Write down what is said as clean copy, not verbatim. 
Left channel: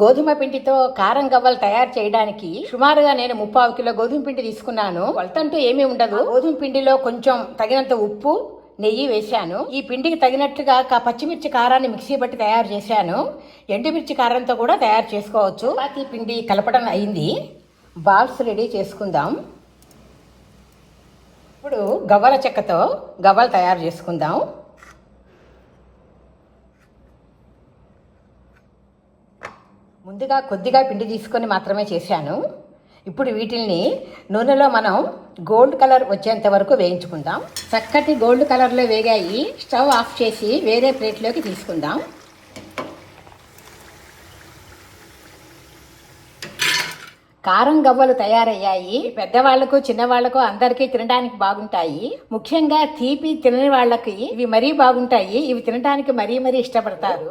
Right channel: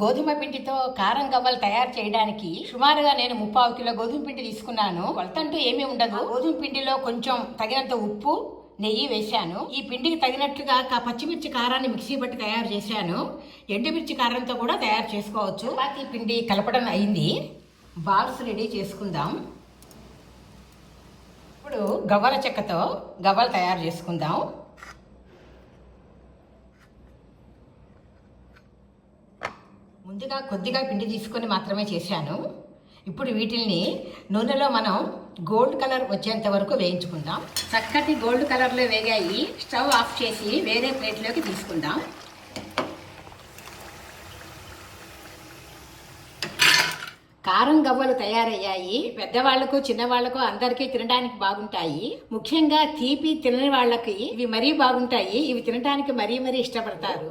గోధుమ పిండితో కారం గవ్వలు తయారు చేయడానికి సుమారుగా నేను 3/4 కిలో గోధుమ పిండి తీసుకున్నాను. కొలతంటూ ఏమీ ఉండదు. గోధుమ పిండిలో కొంచెం తగినంత ఉప్పు, నెయ్యి వేశాను. ఈ పిండికి తగినట్టుగా పచ్చిమిర్చి కారాన్ని మిక్సీ బట్టి తయారు చేశాను. ఎండుమిర్చి కారంతో కూడా తయారు చేసుకోవచ్చు. చపాతీ పిండి కలపడం అయింది. బాల్స్ రెడీ చేసుకుందాం. ఇప్పుడు గవ్వల చెక్కతో గవ్వలు తయారు చేసుకుందాం. ముందుగా కొద్దిగా పిండి తీసుకొని మాత్రమే చేశాను. ఇప్పుడు వీటిల్ని నూనెలో మనం గోల్డ్ కలర్ వచ్చేంత వరకు వేయించుకుందాం. చక్కటి గోల్డ్ కలర్లో వేగాయి. స్టవ్ ఆఫ్ చేసి వేరే ప్లేట్లోకి తీసుకుందాం. కారం గవ్వలు తయారయ్యాయి. పెద్దవాళ్లకు చిన్నవాళ్లకు అందరికీ తినడానికి బాగుంటాయి. ముఖ్యంగా తీపి తినని వాళ్ళకి ఇవి మరీ బాగుంటాయి. ఇవి తినడానికి మరీ ఇష్టపడతారు.